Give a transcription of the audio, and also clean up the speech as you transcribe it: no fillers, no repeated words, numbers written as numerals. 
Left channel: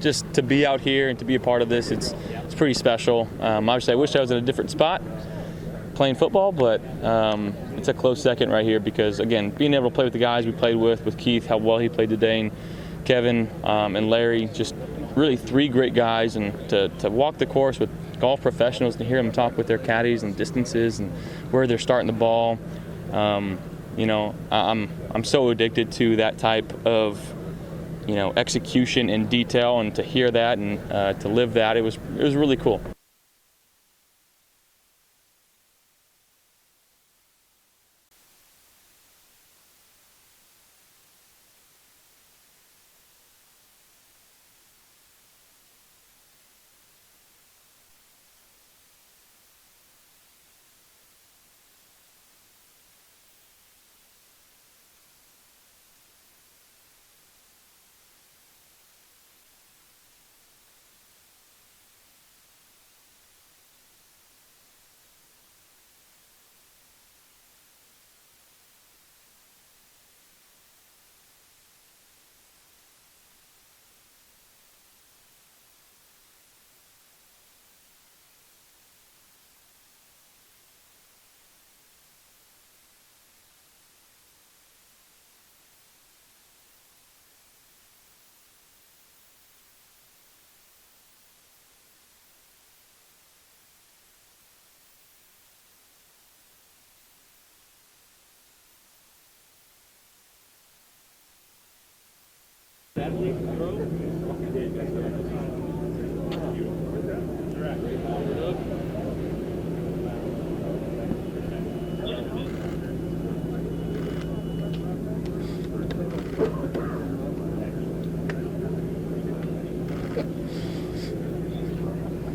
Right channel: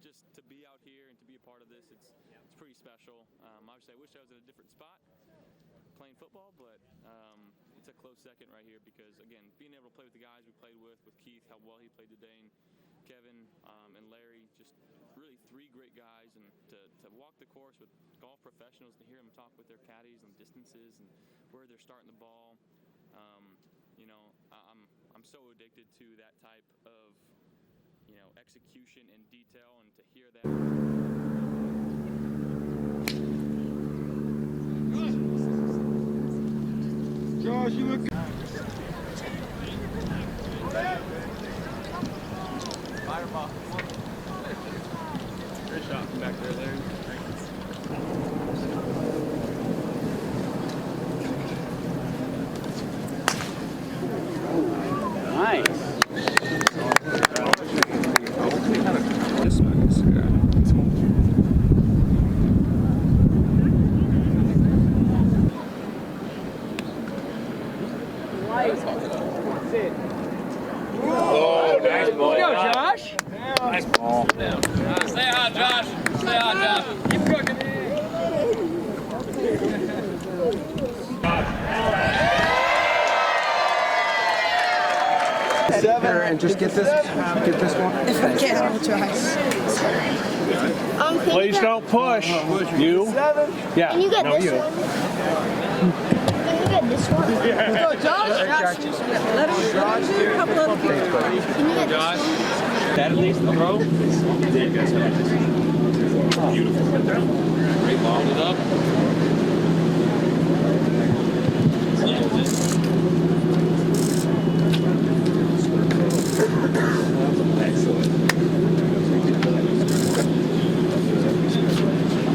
just to be out here and to be a part of this, it's pretty special. Obviously, I wish I was in a different spot playing football, but it's a close second right here because, again, being able to play with the guys we played with Keith, how well he played today, and Kevin and Larry, just really 3 great guys, and to walk the course with golf professionals, to hear them talk with their caddies and distances and where they're starting the ball. You know, I'm so addicted to that type of, you know, execution and detail, and to hear that and to live that, it was really cool. Josh, you look good. Great shot from back there, Larry. Nice. Oh, nice ball. Go, Josh. Nice ball. Stay hot, Josh. Stay hot, Josh. Keep cooking. There, and just get this one. If I can, I'll try. Please don't push. You? Yeah. Can you get this you. one? Can you get this one? Go, Josh. Let him do a couple of Can you get Josh, this one? that at least the throw. Beautiful. Great, long it up.